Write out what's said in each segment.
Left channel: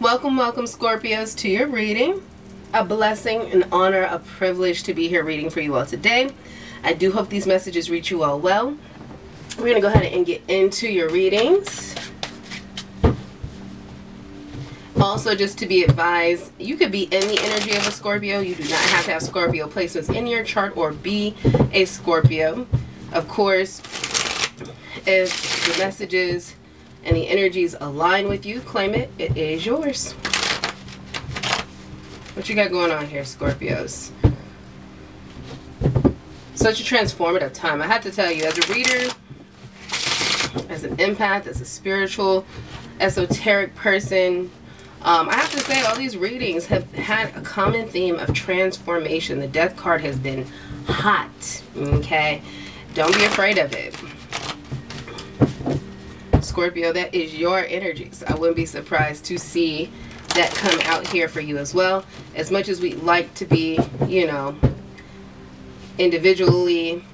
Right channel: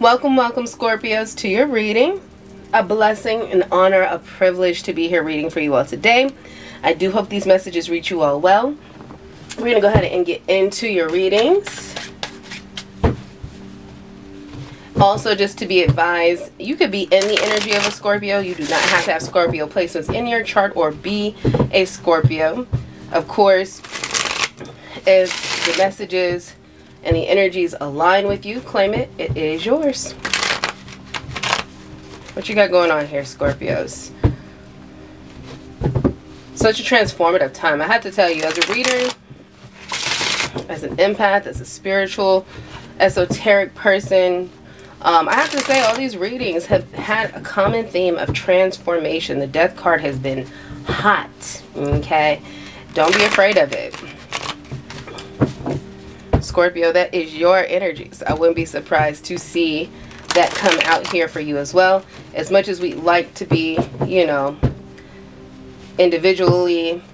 Welcome, welcome, Scorpios, to your reading. A blessing, an honor, a privilege to be here reading for you all today. I do hope these messages reach you all well. We're going to go ahead and get into your readings. Also, just to be advised, you could be in the energy of a Scorpio. You do not have to have Scorpio placements in your chart or be a Scorpio. Of course, if the messages and the energies align with you, claim it. It is yours. What you got going on here, Scorpios? Such a transformative time. I have to tell you, as a reader, as an empath, as a spiritual, esoteric person, I have to say all these readings have had a common theme of transformation. The death card has been hot, okay? Don't be afraid of it. Scorpio, that is your energy. So I wouldn't be surprised to see that come out here for you as well. As much as we like to be, you know, individually,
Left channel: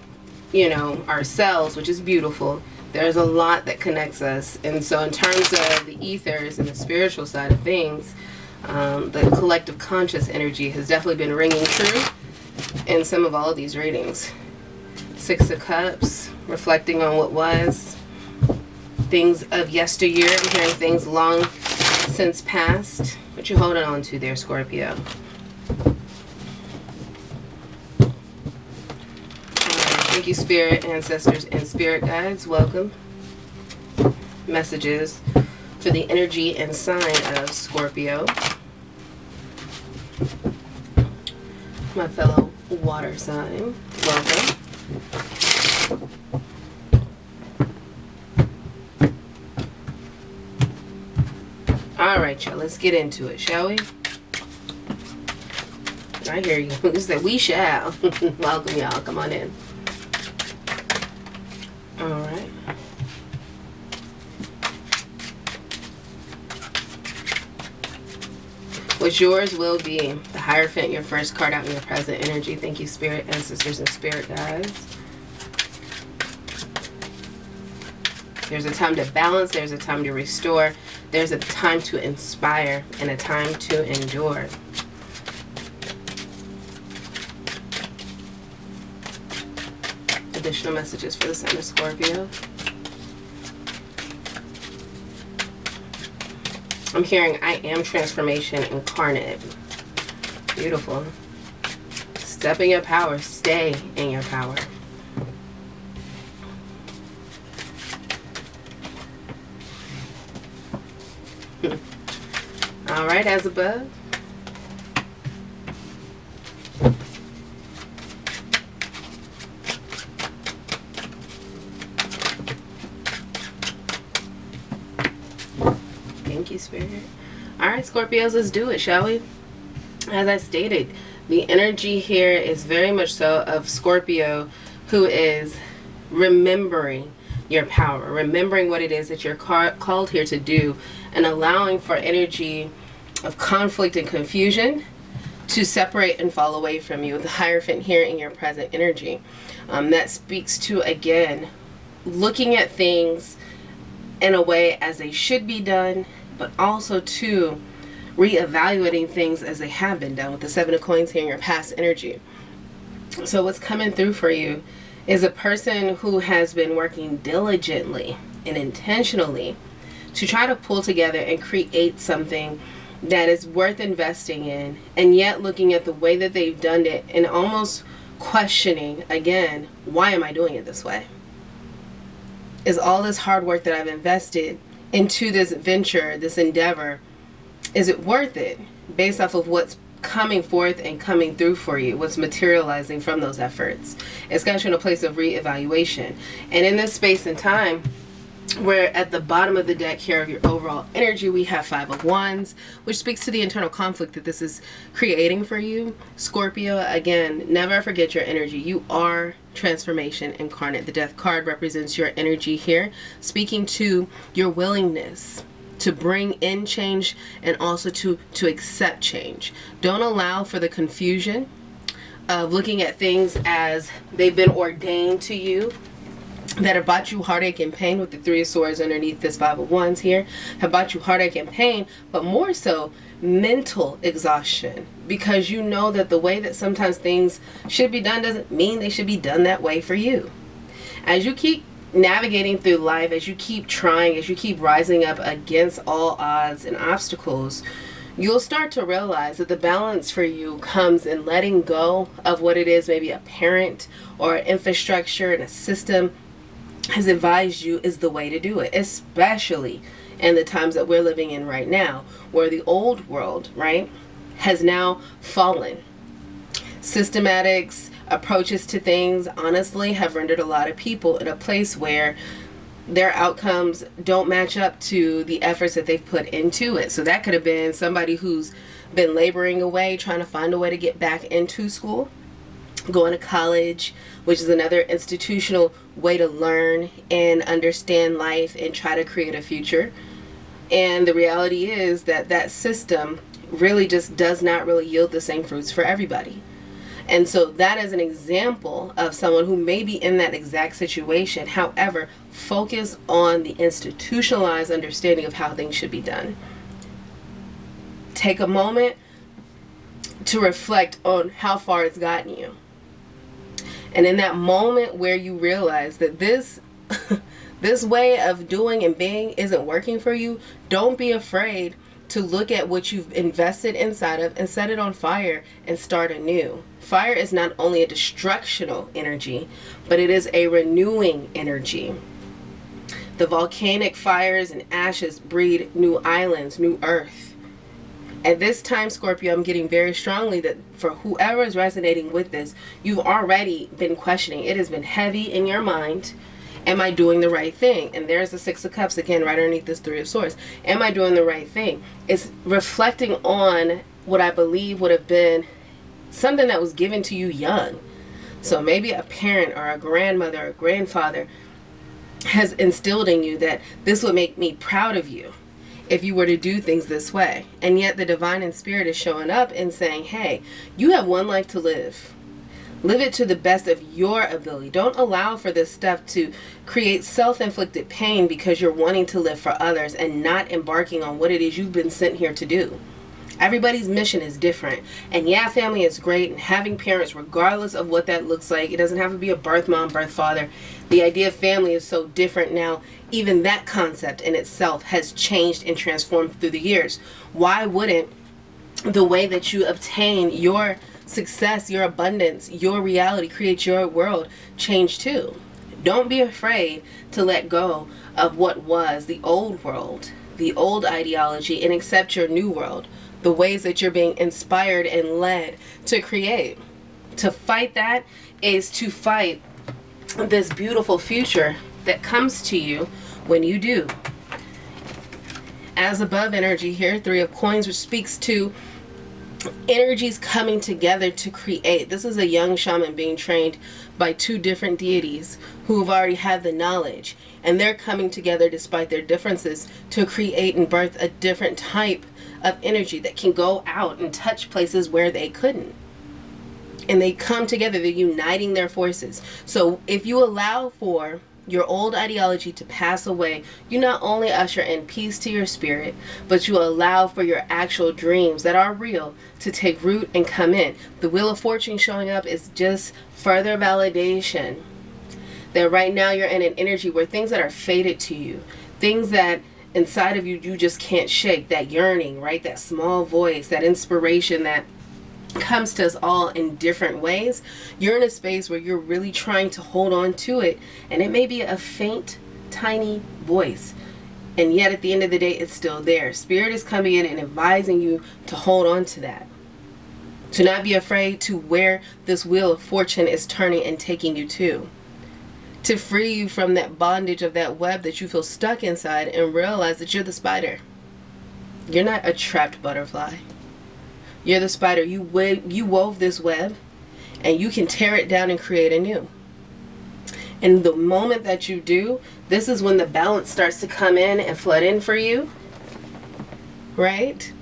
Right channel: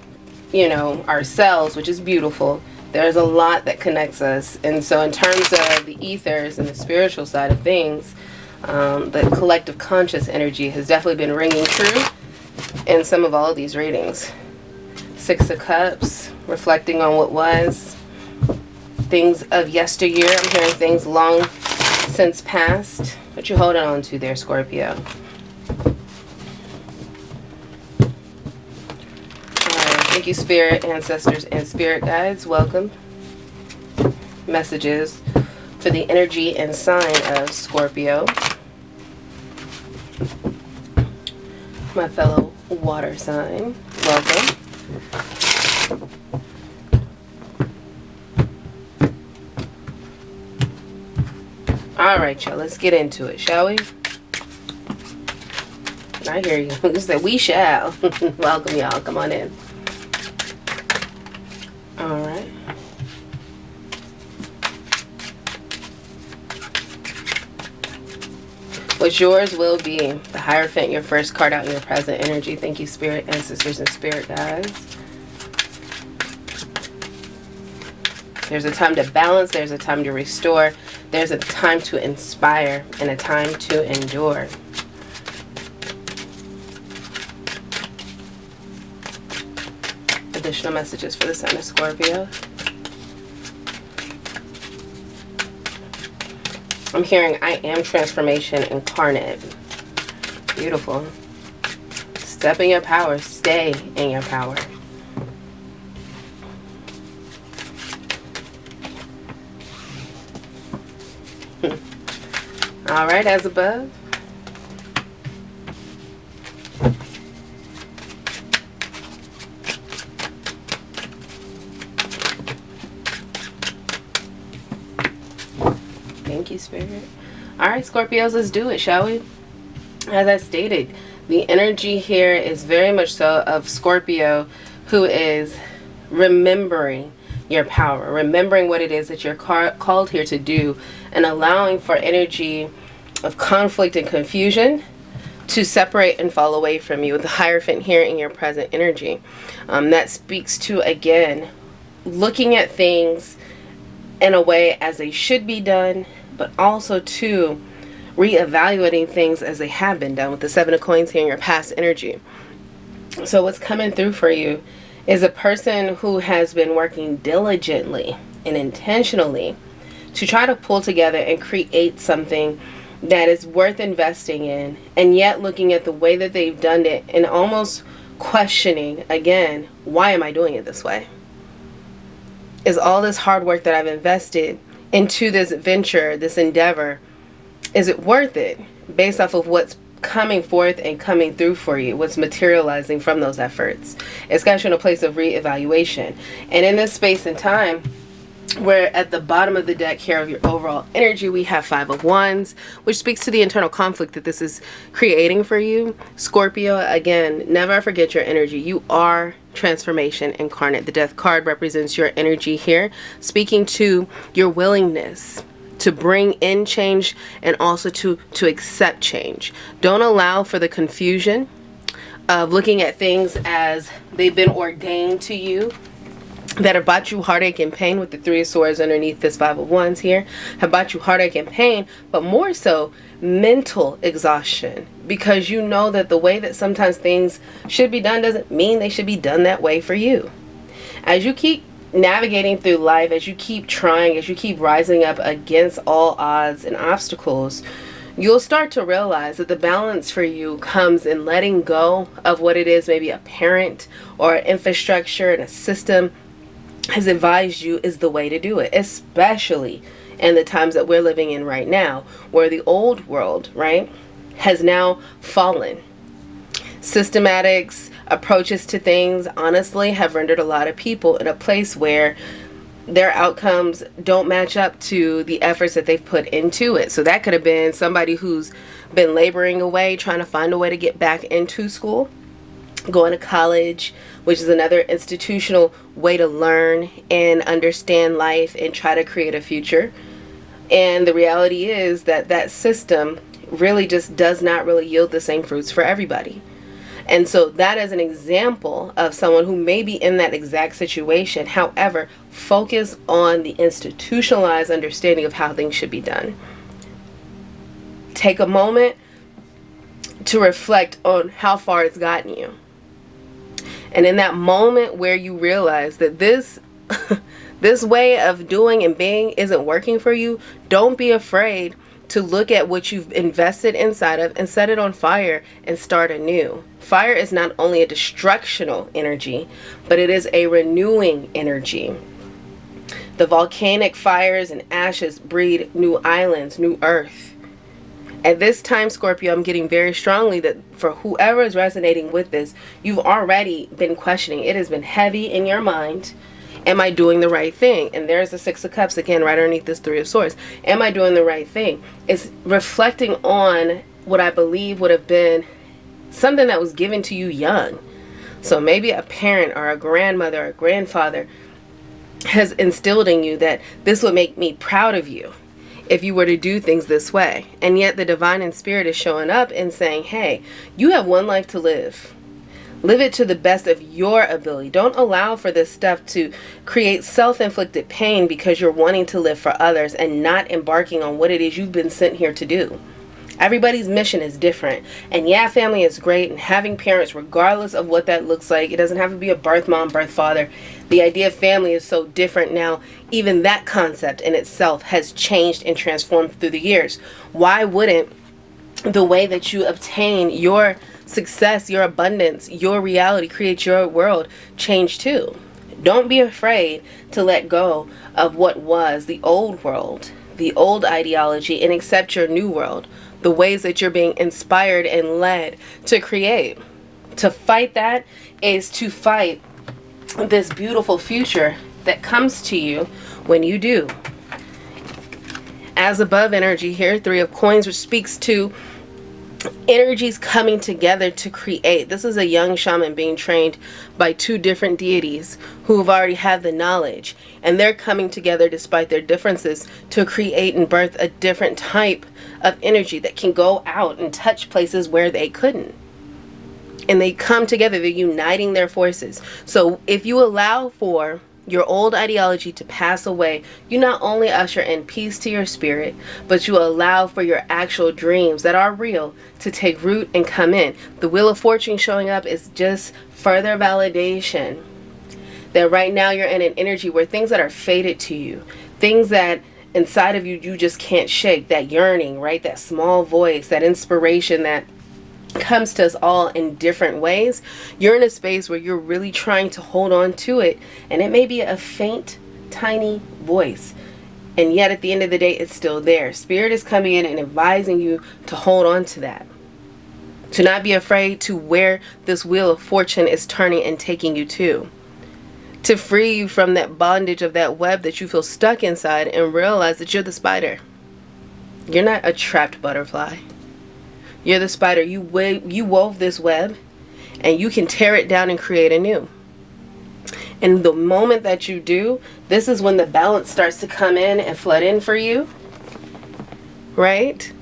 you know, ourselves, which is beautiful, there's a lot that connects us. And so in terms of the ethers and the spiritual side of things, the collective conscious energy has definitely been ringing true in some of all of these readings. Six of Cups, reflecting on what was, things of yesteryear. I'm hearing things long since past. What you holding on to there, Scorpio? Thank you, Spirit, Ancestors, and Spirit Guides. Welcome. Messages for the energy and sign of Scorpio. My fellow water sign, welcome. Alright, y'all, let's get into it, shall we? I hear you. You said we shall. Welcome, y'all. Come on in. Alright. What's yours will be the Hierophant, your first card out in your present energy. Thank you, Spirit, Ancestors, and Spirit Guides. There's a time to balance. There's a time to restore. There's a time to inspire and a time to endure. Additional messages for the sign of Scorpio. I'm hearing I am transformation incarnate. Beautiful. Step in your power. Stay in your power. All right, as above. Thank you, Spirit. All right, Scorpios, let's do it, shall we? As I stated, the energy here is very much so of Scorpio who is remembering your power, remembering what it is that you're called here to do, and allowing for energy of conflict and confusion to separate and fall away from you. With the Hierophant here in your present energy, that speaks to, again, looking at things in a way as they should be done, but also to reevaluating things as they have been done. With the Seven of Coins here in your past energy. So what's coming through for you is a person who has been working diligently and intentionally to try to pull together and create something that is worth investing in, and yet looking at the way that they've done it and almost questioning, again, why am I doing it this way? Is all this hard work that I've invested into this venture, this endeavor, is it worth it based off of what's coming forth and coming through for you, what's materializing from those efforts? It's got you in a place of reevaluation. And in this space and time, we're at the bottom of the deck here of your overall energy. We have Five of Wands, which speaks to the internal conflict that this is creating for you. Scorpio, again, never forget your energy. You are transformation incarnate. The Death card represents your energy here, speaking to your willingness to bring in change and also to accept change. Don't allow for the confusion of looking at things as they've been ordained to you, that have brought you heartache and pain, with the Three of Swords underneath this Five of Wands here, have brought you heartache and pain, but more so mental exhaustion, because you know that the way that sometimes things should be done doesn't mean they should be done that way for you. As you keep navigating through life, as you keep trying, as you keep rising up against all odds and obstacles, you'll start to realize that the balance for you comes in letting go of what it is maybe a parent or an infrastructure and a system has advised you is the way to do it, especially in the times that we're living in right now, where the old world, right, has now fallen. Systematics, approaches to things, honestly, have rendered a lot of people in a place where their outcomes don't match up to the efforts that they've put into it. So that could have been somebody who's been laboring away, trying to find a way to get back into school, going to college, which is another institutional way to learn and understand life and try to create a future. And the reality is that that system really just does not really yield the same fruits for everybody. And so that is an example of someone who may be in that exact situation. However, focus on the institutionalized understanding of how things should be done. Take a moment to reflect on how far it's gotten you. And in that moment where you realize that this this way of doing and being isn't working for you, don't be afraid to look at what you've invested inside of and set it on fire and start anew. Fire is not only a destructional energy, but it is a renewing energy. The volcanic fires and ashes breed new islands, new earth. At this time, Scorpio, I'm getting very strongly that for whoever is resonating with this, you've already been questioning. It has been heavy in your mind. Am I doing the right thing? And there's the Six of Cups again right underneath this Three of Swords. Am I doing the right thing? It's reflecting on what I believe would have been something that was given to you young. So maybe a parent or a grandmother or a grandfather has instilled in you that this would make me proud of you if you were to do things this way. And yet the divine and spirit is showing up and saying, hey, you have one life to live. Live it to the best of your ability. Don't allow for this stuff to create self-inflicted pain because you're wanting to live for others and not embarking on what it is you've been sent here to do. Everybody's mission is different. And yeah, family is great, and having parents, regardless of what that looks like, it doesn't have to be a birth mom, birth father. The idea of family is so different now. Even that concept in itself has changed and transformed through the years. Why wouldn't the way that you obtain your success, your abundance, your reality, create your world change too? Don't be afraid to let go of what was the old world, the old ideology, and accept your new world. The ways that you're being inspired and led to create. To fight that is to fight this beautiful future that comes to you when you do. As above energy here, Three of Coins, which speaks to energies coming together to create. This is a young shaman being trained by two different deities who've already had the knowledge, and they're coming together despite their differences to create and birth a different type of energy that can go out and touch places where they couldn't. And they come together, they're uniting their forces. So if you allow for your old ideology to pass away, you not only usher in peace to your spirit, but you allow for your actual dreams that are real to take root and come in. The Wheel of Fortune showing up is just further validation that right now you're in an energy where things that are fated to you, things that inside of you you just can't shake, that yearning, right? That small voice, that inspiration that comes to us all in different ways. You're in a space where you're really trying to hold on to it, and it may be a faint, tiny voice, and yet at the end of the day it's still there. Spirit is coming in and advising you to hold on to that, to not be afraid to where this Wheel of Fortune is turning and taking you to free you from that bondage of that web that you feel stuck inside, and realize that you're the spider. You're not a trapped butterfly. You're the spider. You wove this web, and you can tear it down and create anew. And the moment that you do, this is when the balance starts to come in and flood in for you, right?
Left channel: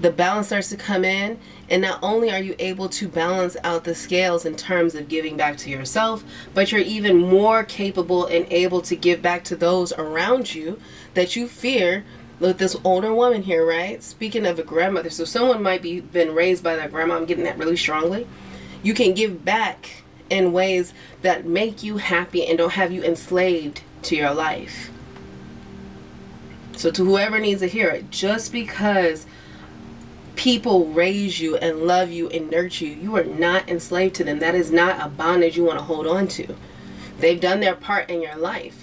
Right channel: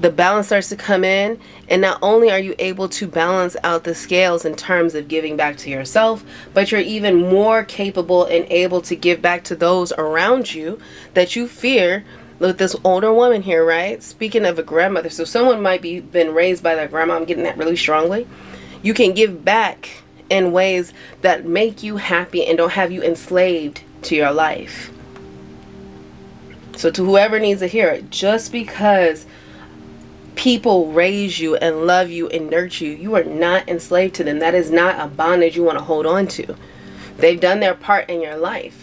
The balance starts to come in, And not only are you able to balance out the scales in terms of giving back to yourself, but you're even more capable and able to give back to those around you that you fear. With this older woman here, right? Speaking of a grandmother, so someone might be been raised by their grandma. I'm getting that really strongly. You can give back in ways that make you happy and don't have you enslaved to your life. So to whoever needs to hear it, just because people raise you and love you and nurture you, you are not enslaved to them. That is not a bondage you want to hold on to. They've done their part in your life.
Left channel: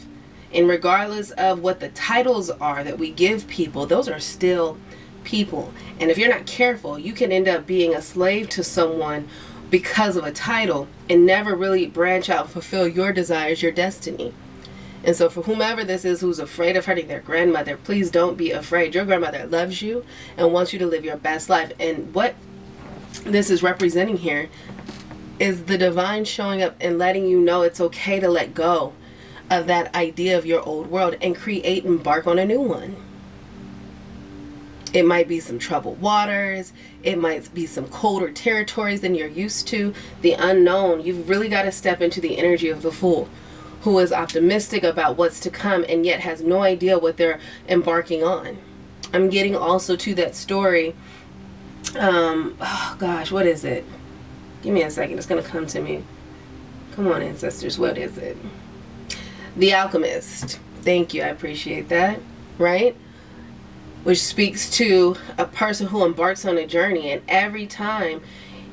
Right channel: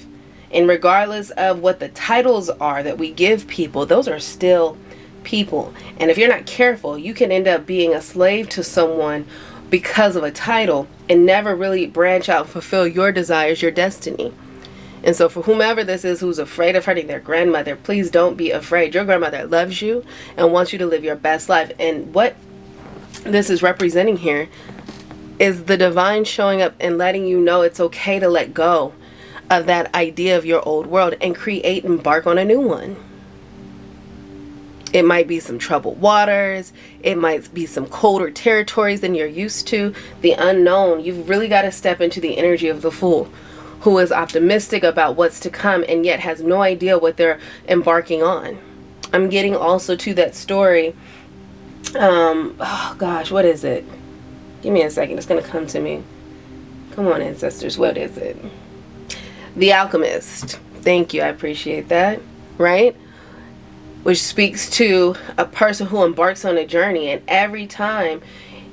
And regardless of what the titles are that we give people, those are still people. And if you're not careful, you can end up being a slave to someone because of a title and never really branch out and fulfill your desires, your destiny. And so for whomever this is who's afraid of hurting their grandmother, please don't be afraid. Your grandmother loves you and wants you to live your best life. And what this is representing here is the divine showing up and letting you know it's okay to let go of that idea of your old world and create and embark on a new one. It might be some troubled waters. It might be some colder territories than you're used to. The unknown. You've really got to step into the energy of the Fool, who is optimistic about what's to come and yet has no idea what they're embarking on. I'm getting also to that story. Oh gosh, what is it? Give me a second. It's going to come to me. Come on, ancestors. What is it? The Alchemist. Thank you. I appreciate that. Right? Which speaks to a person who embarks on a journey, and every time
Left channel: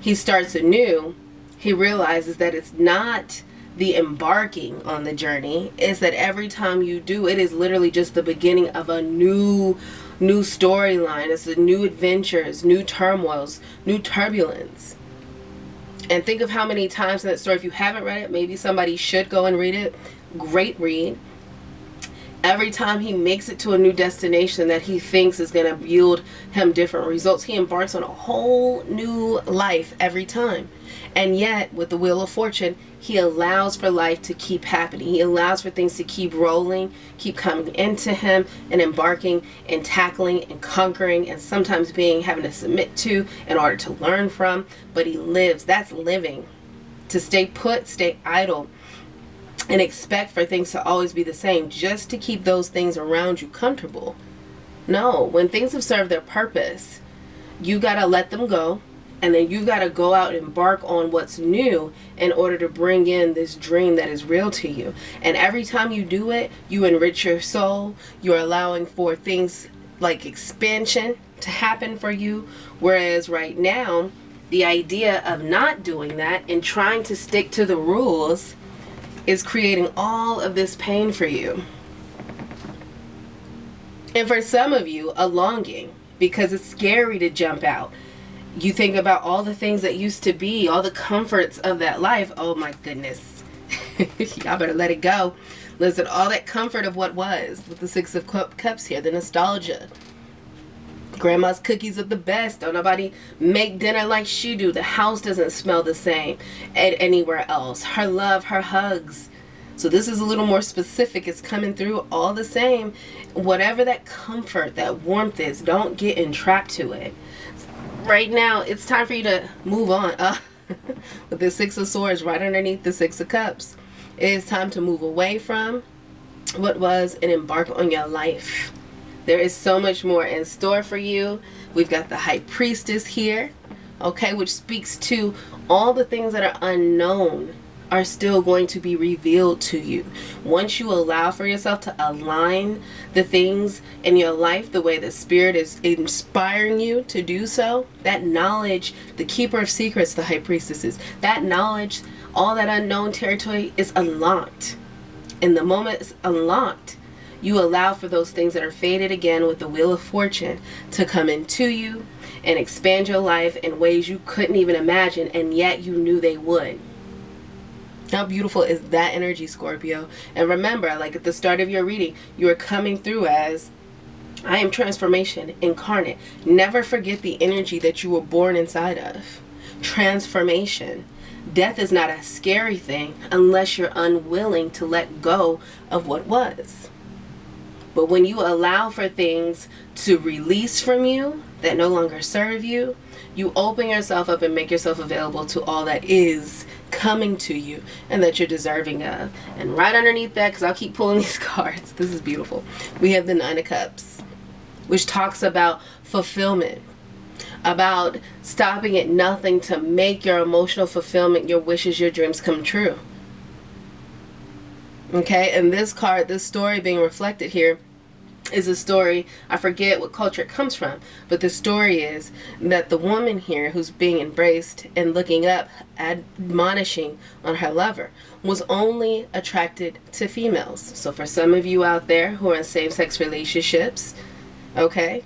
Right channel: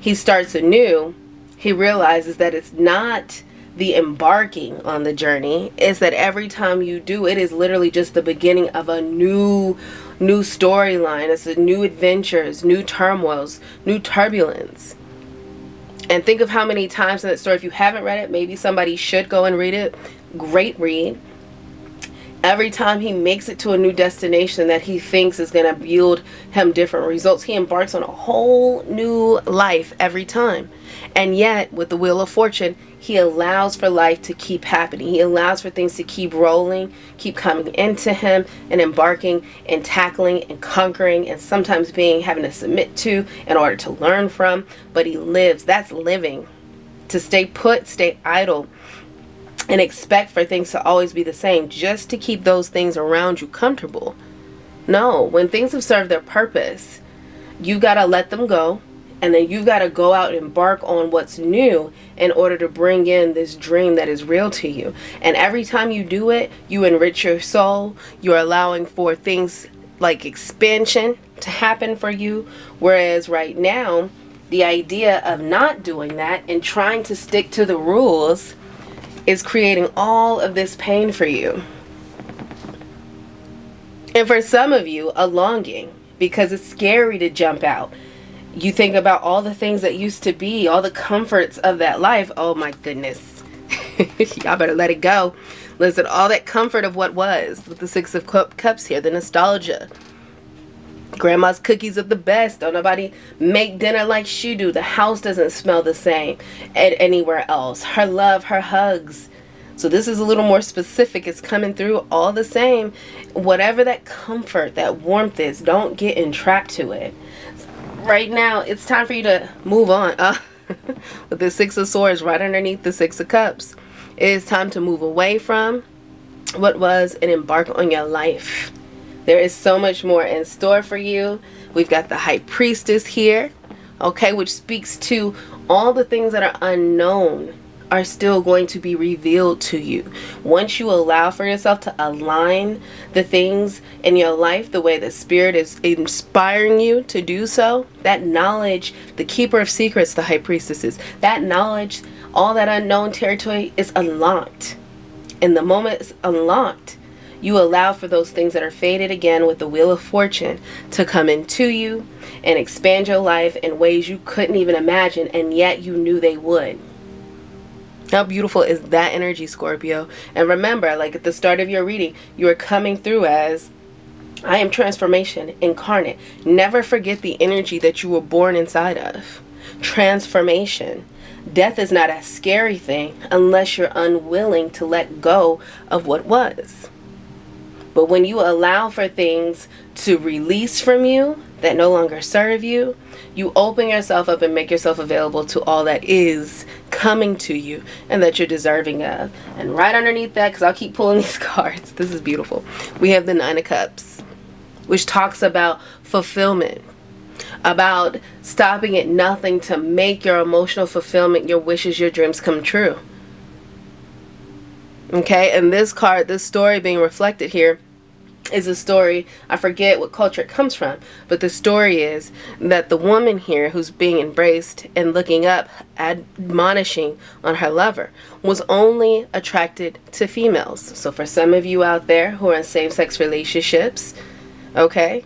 he starts anew, he realizes that it's not the embarking on the journey. It's that every time you do, it is literally just the beginning of a new storyline. It's a new adventures, new turmoils, new turbulence. And think of how many times in that story, if you haven't read it, maybe somebody should go and read it. Great read. Every time he makes it to a new destination that he thinks is going to yield him different results, he embarks on a whole new life every time. And yet, with the Wheel of Fortune, he allows for life to keep happening. He allows for things to keep rolling, keep coming into him, and embarking and tackling and conquering, and sometimes having to submit to in order to learn from. But he lives. That's living. To stay put, stay idle, and expect for things to always be the same just to keep those things around you comfortable. No, when things have served their purpose, you got to let them go, and then you've got to go out and embark on what's new in order to bring in this dream that is real to you. And every time you do it, you enrich your soul. You're allowing for things like expansion to happen for you. Whereas right now, the idea of not doing that and trying to stick to the rules is creating all of this pain for you. And for some of you, a longing, because it's scary to jump out. You think about all the things that used to be, all the comforts of that life. Oh my goodness. Y'all better let it go. Listen, all that comfort of what was, with the Six of Cups here, the nostalgia. Grandma's cookies are the best. Don't nobody make dinner like she do. The house doesn't smell the same at anywhere else. Her love, her hugs. So this is a little more specific. It's coming through all the same. Whatever that comfort, that warmth is, don't get entrapped to it. Right now, it's time for you to move on. With the Six of Swords right underneath the Six of Cups. It is time to move away from what was and embark on your life. There is so much more in store for you. We've got the High Priestess here, okay, which speaks to all the things that are unknown are still going to be revealed to you. Once you allow for yourself to align the things in your life the way the Spirit is inspiring you to do so, that knowledge, the Keeper of Secrets, the High Priestesses, that knowledge, all that unknown territory is unlocked. And the moment it's unlocked, you allow for those things that are faded again with the Wheel of Fortune to come into you and expand your life in ways you couldn't even imagine, and yet you knew they would. How beautiful is that energy, Scorpio? And remember, like at the start of your reading, you are coming through as, I am transformation incarnate. Never forget the energy that you were born inside of. Transformation. Death is not a scary thing unless you're unwilling to let go of what was. But when you allow for things to release from you that no longer serve you. You open yourself up and make yourself available to all that is coming to you and that you're deserving of. And right underneath that, because I'll keep pulling these cards, this is beautiful, we have the Nine of Cups, which talks about fulfillment, about stopping at nothing to make your emotional fulfillment, your wishes, your dreams come true. Okay, and this card, this story being reflected here, is a story, I forget what culture it comes from, but the story is that the woman here who's being embraced and looking up, admonishing on her lover, was only attracted to females. So for some of you out there who are in same-sex relationships, okay,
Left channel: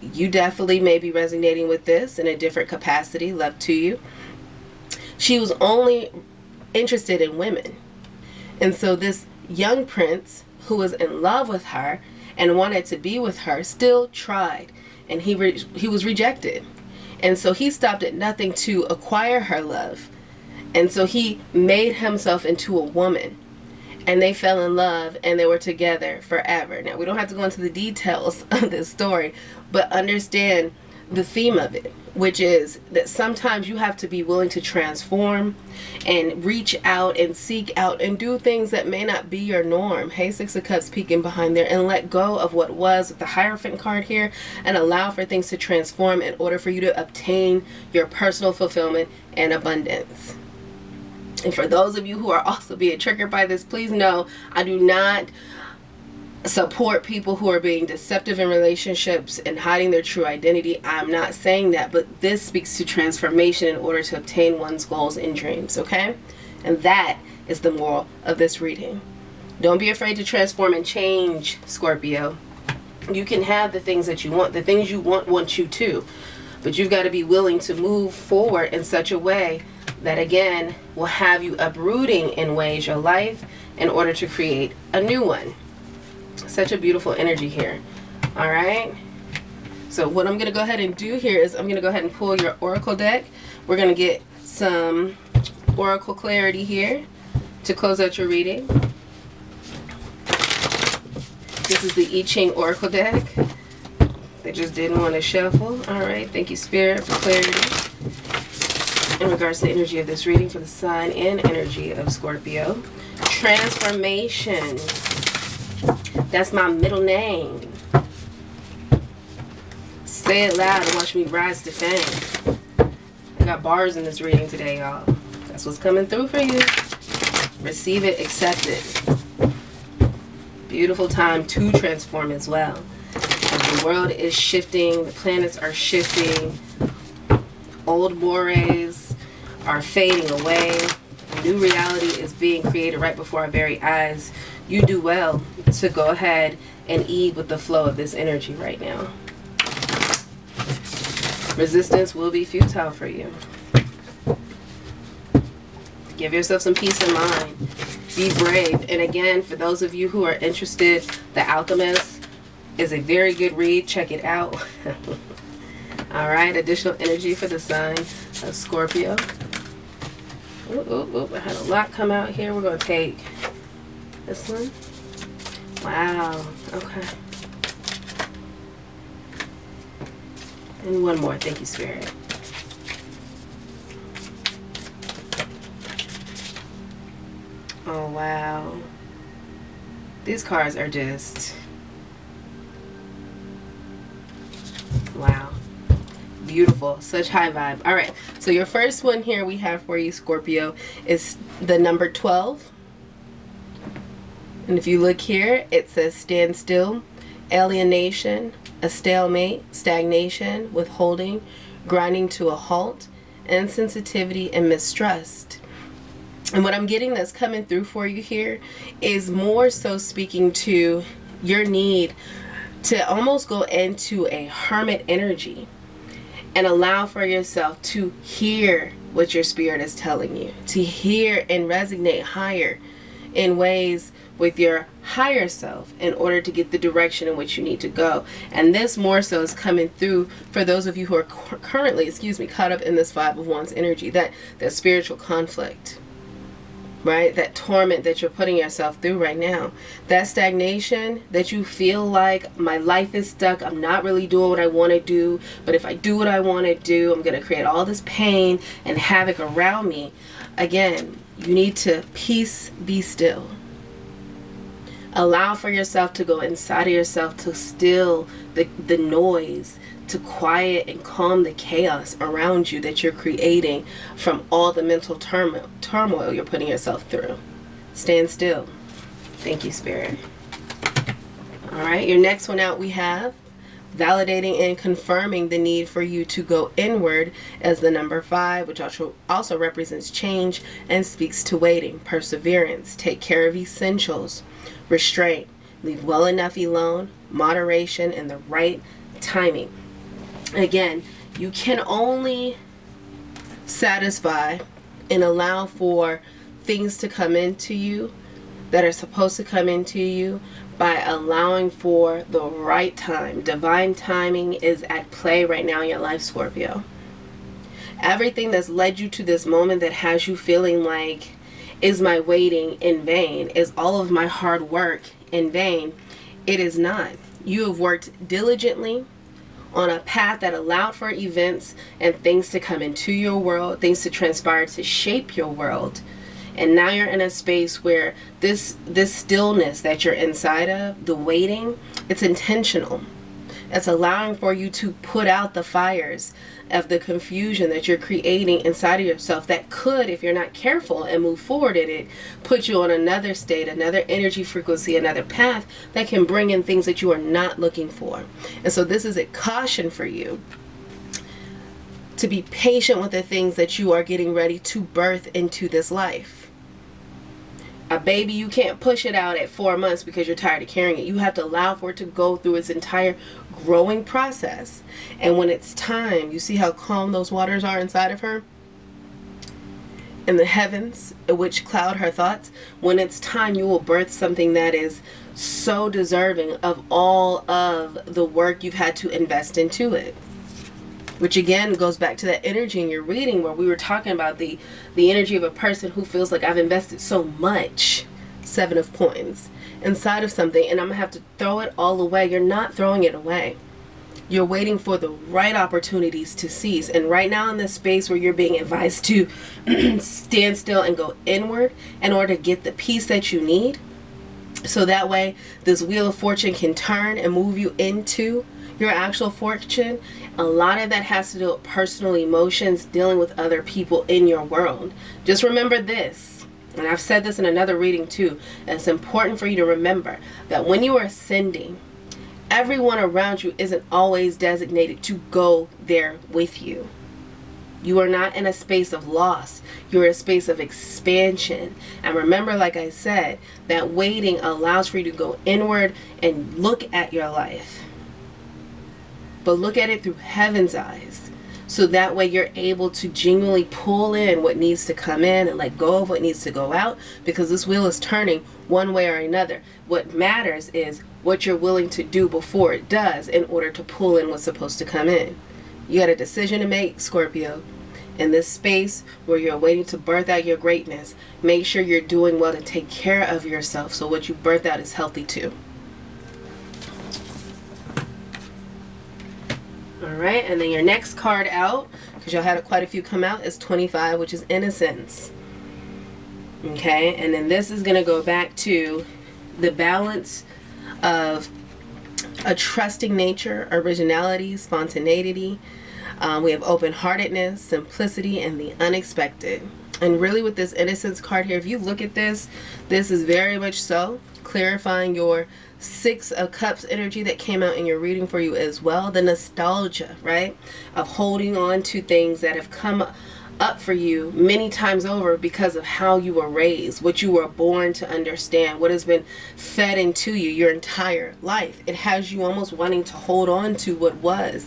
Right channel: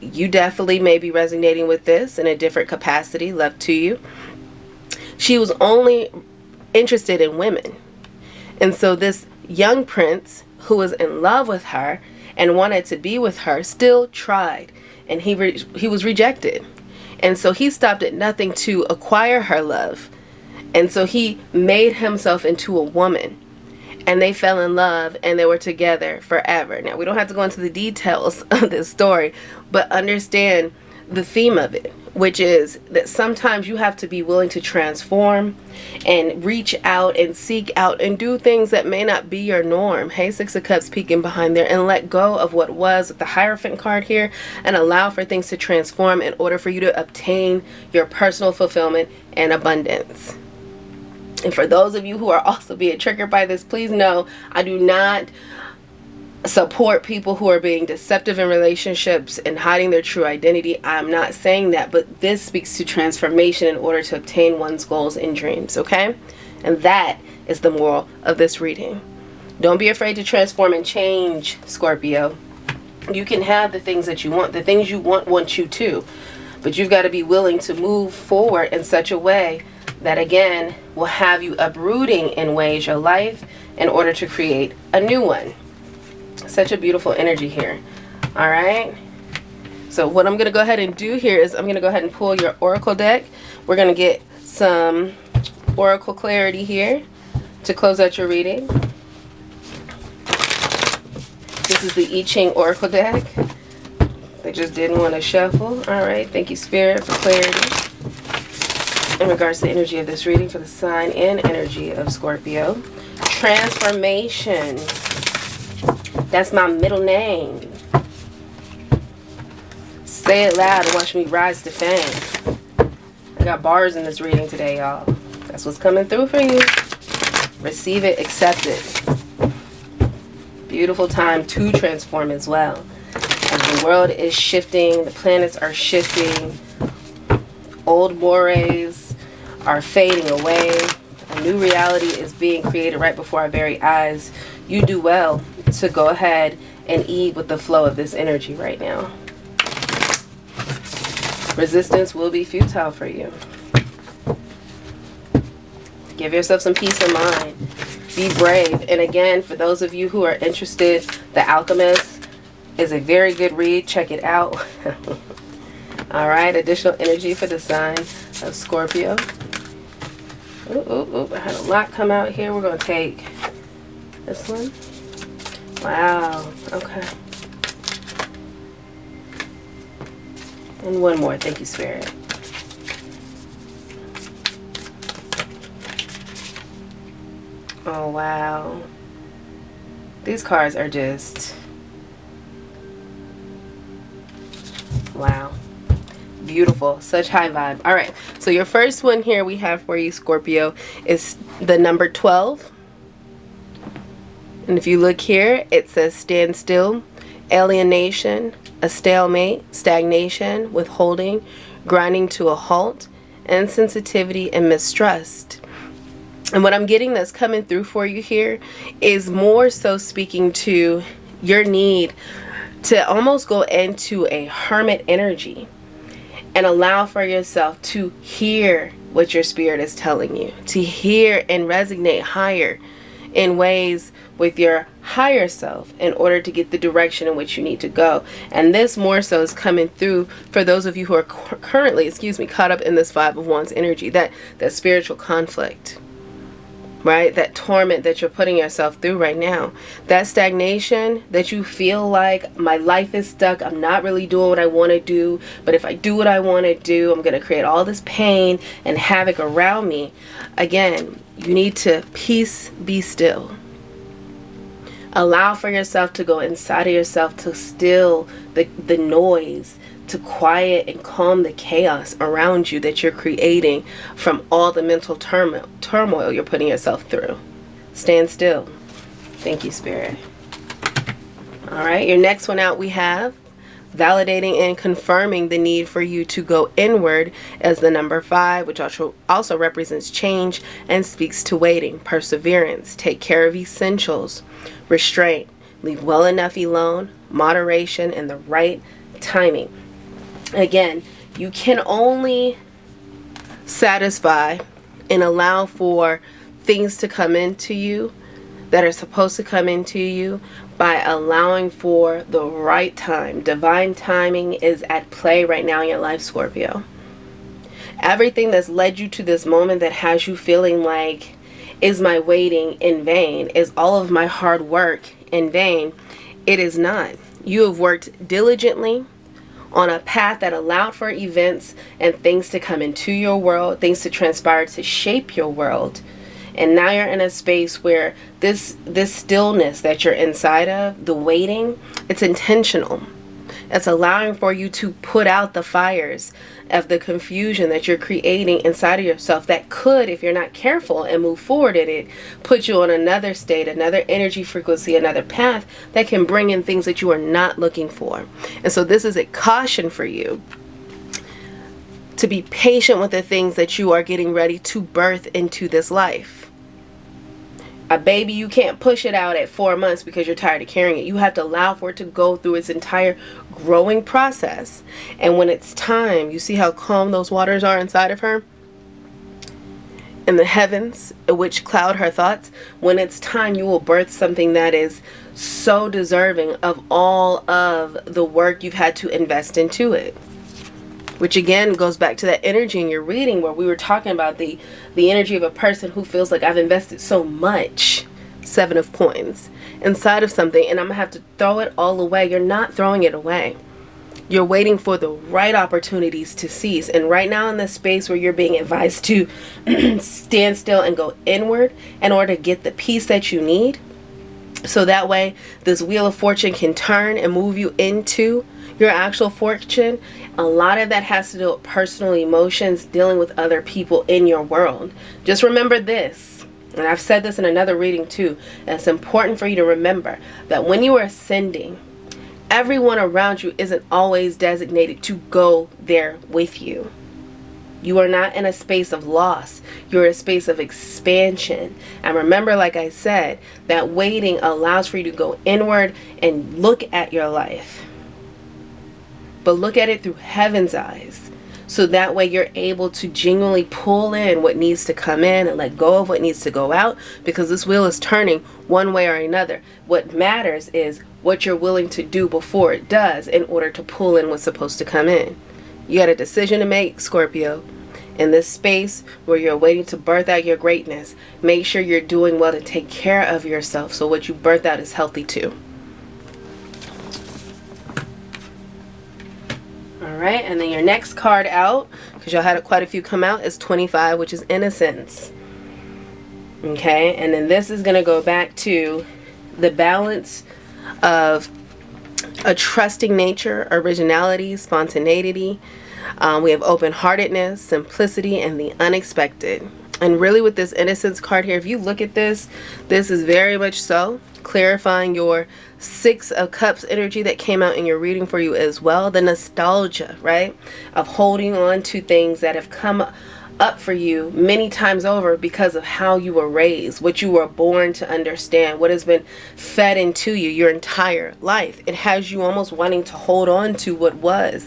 you definitely may be resonating with this in a different capacity. Love to you. She was only interested in women. And so this young prince who was in love with her and wanted to be with her still tried, and he was rejected. And so he stopped at nothing to acquire her love. And so he made himself into a woman, and they fell in love, and they were together forever. Now, we don't have to go into the details of this story, but understand the theme of it, which is that sometimes you have to be willing to transform and reach out and seek out and do things that may not be your norm. Hey, Six of Cups peeking behind there, and let go of what was with the Hierophant card here and allow for things to transform in order for you to obtain your personal fulfillment and abundance. And for those of you who are also being triggered by this, please know I do not support people who are being deceptive in relationships and hiding their true identity. I'm not saying that, but this speaks to transformation in order to obtain one's goals and dreams, okay? And that is the moral of this reading. Don't be afraid to transform and change, Scorpio. You can have the things that you want. The things you want you to. But you've got to be willing to move forward in such a way that, again, will have you uprooting in ways your life in order to create a new one. Such a beautiful energy here. All right, so what I'm gonna go ahead and do here is I'm gonna go ahead and pull your oracle deck. We're gonna get some oracle clarity here to close out your reading. This is the I Ching oracle deck. They just didn't want to shuffle. All right, thank you, Spirit, for clarity in regards to the energy of this reading for the sign and energy of Scorpio. Transformation. That's my middle name. Say it loud and watch me rise to fame. I got bars in this reading today, y'all. That's what's coming through for you. Receive it, accept it. Beautiful time to transform as well. As the world is shifting, the planets are shifting, old mores are fading away. A new reality is being created right before our very eyes. You do well to go ahead and eat with the flow of this energy right now. Resistance will be futile for you. Give yourself some peace of mind. Be brave. And again, for those of you who are interested, The Alchemist is a very good read. Check it out. All right, additional energy for the sign of Scorpio. I had a lot come out here. We're going to take this one. Wow. Okay. And one more. Thank you, Spirit. Oh, wow. These cards are just... wow. Beautiful. Such high vibe. All right. So your first one here we have for you, Scorpio, is the number 12. And if you look here, it says stand still, alienation, a stalemate, stagnation, withholding, grinding to a halt, insensitivity, and mistrust. And what I'm getting that's coming through for you here is more so speaking to your need to almost go into a hermit energy and allow for yourself to hear what your spirit is telling you, to hear and resonate higher in ways with your higher self in order to get the direction in which you need to go. And this more so is coming through for those of you who are currently, caught up in this Five of Wands energy, that spiritual conflict. right? That torment that you're putting yourself through right now. That stagnation that you feel like, my life is stuck, I'm not really doing what I want to do, but if I do what I want to do, I'm going to create all this pain and havoc around me. Again, you need to peace, be still. Allow for yourself to go inside of yourself, to still the noise, to quiet and calm the chaos around you that you're creating from all the mental turmoil you're putting yourself through. Stand still. Thank you, Spirit. All right, your next one out we have validating and confirming the need for you to go inward as the number 5, which also represents change and speaks to waiting, perseverance, take care of essentials, restraint, leave well enough alone, moderation, and the right timing. Again, you can only satisfy and allow for things to come into you that are supposed to come into you by allowing for the right time. Divine timing is at play right now in your life, Scorpio. Everything that's led you to this moment that has you feeling like, is my waiting in vain? Is all of my hard work in vain? It is not. You have worked diligently on a path that allowed for events and things to come into your world, things to transpire to shape your world. And now you're in a space where this stillness that you're inside of, the waiting, it's intentional. It's allowing for you to put out the fires of the confusion that you're creating inside of yourself that could, if you're not careful and move forward in it, put you on another state, another energy frequency, another path that can bring in things that you are not looking for. And so this is a caution for you to be patient with the things that you are getting ready to birth into this life. A baby, you can't push it out at 4 months because you're tired of carrying it. You have to allow for it to go through its entire growing process. And when it's time, you see how calm those waters are inside of her? In the heavens, which cloud her thoughts. When it's time, you will birth something that is so deserving of all of the work you've had to invest into it. Which again goes back to that energy in your reading where we were talking about the energy of a person who feels like, I've invested so much, 7 of coins, inside of something and I'm gonna have to throw it all away. You're not throwing it away. You're waiting for the right opportunities to seize. And right now in this space where you're being advised to stand still and go inward in order to get the peace that you need, so that way this wheel of fortune can turn and move you into your actual fortune. A lot of that has to do with personal emotions, dealing with other people in your world. Just remember this, and I've said this in another reading too, and it's important for you to remember that when you are ascending, everyone around you isn't always designated to go there with you. You are not in a space of loss. You're in a space of expansion. And remember, like I said, that waiting allows for you to go inward and look at your life. But look at it through heaven's eyes. So that way you're able to genuinely pull in what needs to come in and let go of what needs to go out, because this wheel is turning one way or another. What matters is what you're willing to do before it does in order to pull in what's supposed to come in. You had a decision to make, Scorpio. In this space where you're waiting to birth out your greatness, make sure you're doing well to take care of yourself so what you birth out is healthy too. Alright, and then your next card out, because y'all had quite a few come out, is 25, which is innocence. Okay, and then this is going to go back to the balance of a trusting nature, originality, spontaneity. We have open-heartedness, simplicity, and the unexpected. And really with this innocence card here, if you look at this, this is very much so clarifying your 6 of Cups energy that came out in your reading for you as well. The nostalgia, right, of holding on to things that have come up for you many times over because of how you were raised, what you were born to understand, what has been fed into you your entire life. It has you almost wanting to hold on to what was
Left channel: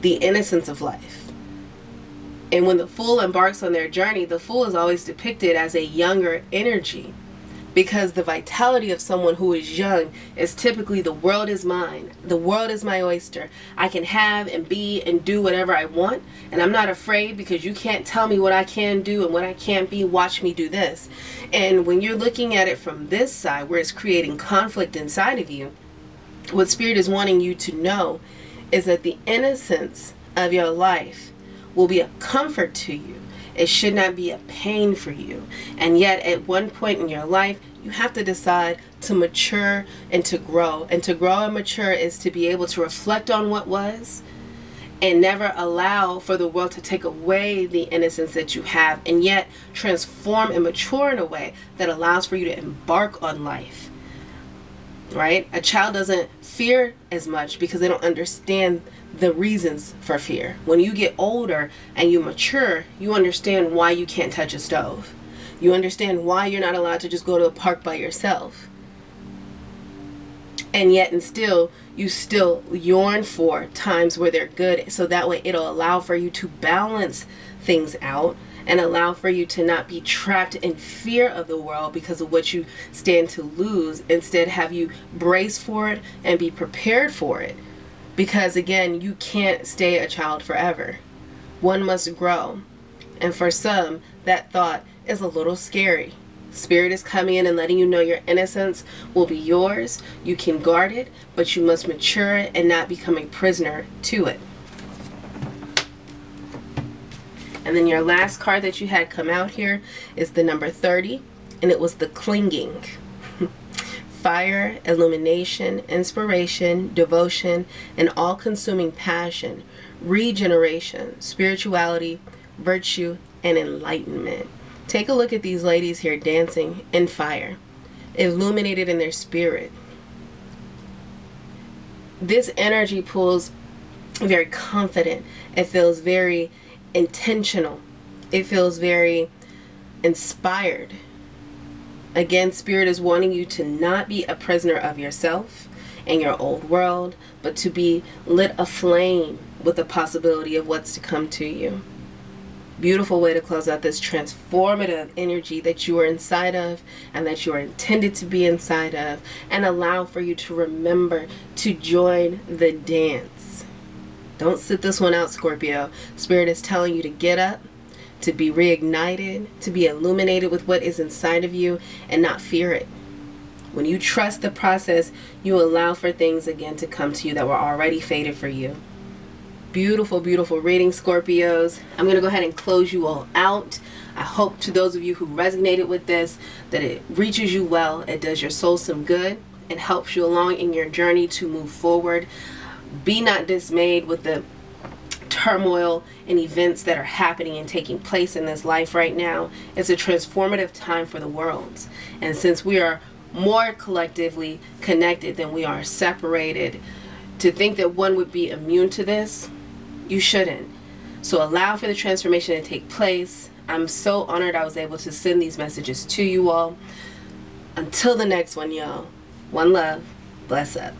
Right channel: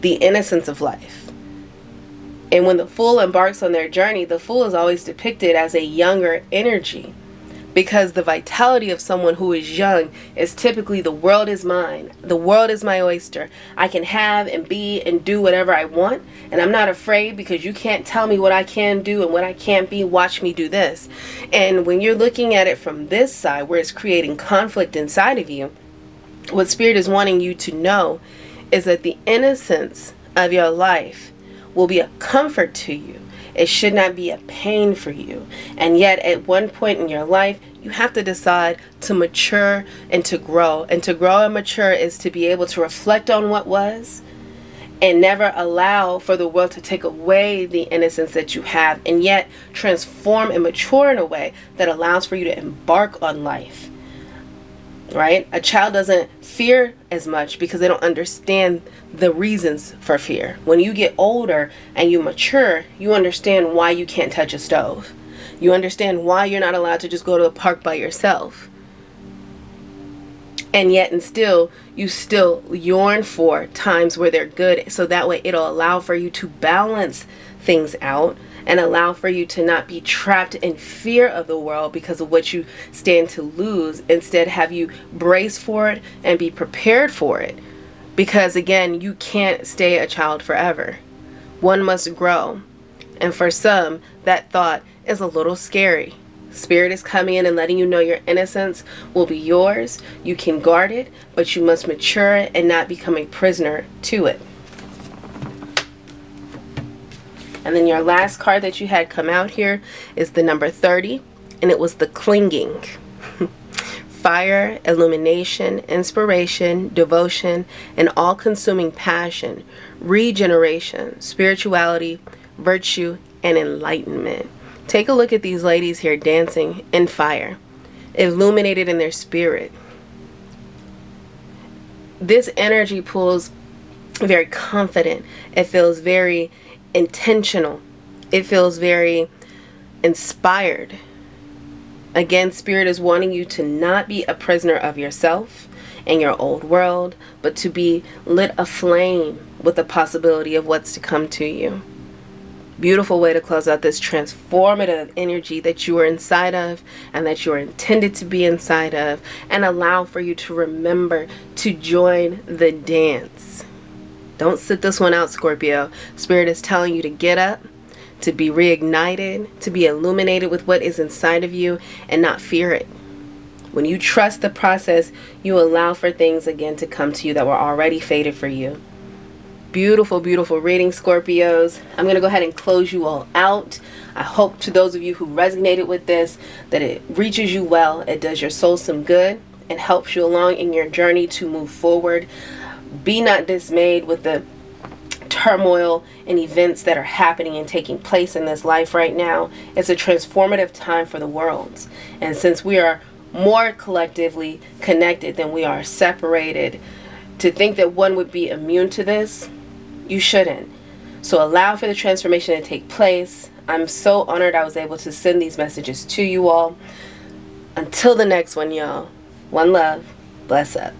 the innocence of life. And when the Fool embarks on their journey, the Fool is always depicted as a younger energy. Because the vitality of someone who is young is typically, the world is mine. The world is my oyster. I can have and be and do whatever I want. And I'm not afraid, because you can't tell me what I can do and what I can't be. Watch me do this. And when you're looking at it from this side, where it's creating conflict inside of you, what Spirit is wanting you to know is that the innocence of your life will be a comfort to you. It should not be a pain for you. And yet at one point in your life, you have to decide to mature and to grow. And to grow and mature is to be able to reflect on what was, and never allow for the world to take away the innocence that you have, and yet transform and mature in a way that allows for you to embark on life. Right? A child doesn't fear as much because they don't understand the reasons for fear. When you get older and you mature, you understand why you can't touch a stove. You understand why you're not allowed to just go to a park by yourself. And yet and still, you still yearn for times where they're good, so that way it'll allow for you to balance things out and allow for you to not be trapped in fear of the world because of what you stand to lose. Instead, have you brace for it and be prepared for it. Because again, you can't stay a child forever. One must grow. And for some, that thought is a little scary. Spirit is coming in and letting you know your innocence will be yours. You can guard it, but you must mature and not become a prisoner to it. And then your last card that you had come out here is the number 30, and it was the clinging. Fire, illumination, inspiration, devotion, and all-consuming passion, regeneration, spirituality, virtue, and enlightenment. Take a look at these ladies here dancing in fire, illuminated in their spirit. This energy pulls very confident. It feels very intentional. It feels very inspired. Again, Spirit is wanting you to not be a prisoner of yourself and your old world, but to be lit aflame with the possibility of what's to come to you. Beautiful way to close out this transformative energy that you are inside of and that you are intended to be inside of, and allow for you to remember to join the dance. Don't sit this one out, Scorpio. Spirit is telling you to get up, to be reignited, to be illuminated with what is inside of you and not fear it. When you trust the process, you allow for things again to come to you that were already fated for you. Beautiful, beautiful reading, Scorpios. I'm going to go ahead and close you all out. I hope to those of you who resonated with this, that it reaches you well, it does your soul some good, and helps you along in your journey to move forward. Be not dismayed with the turmoil and events that are happening and taking place in this life right now. It's a transformative time for the world. And since we are more collectively connected than we are separated, to think that one would be immune to this, you shouldn't. So allow for the transformation to take place. I'm so honored I was able to send these messages to you all. Until the next one, y'all. One love. Bless up.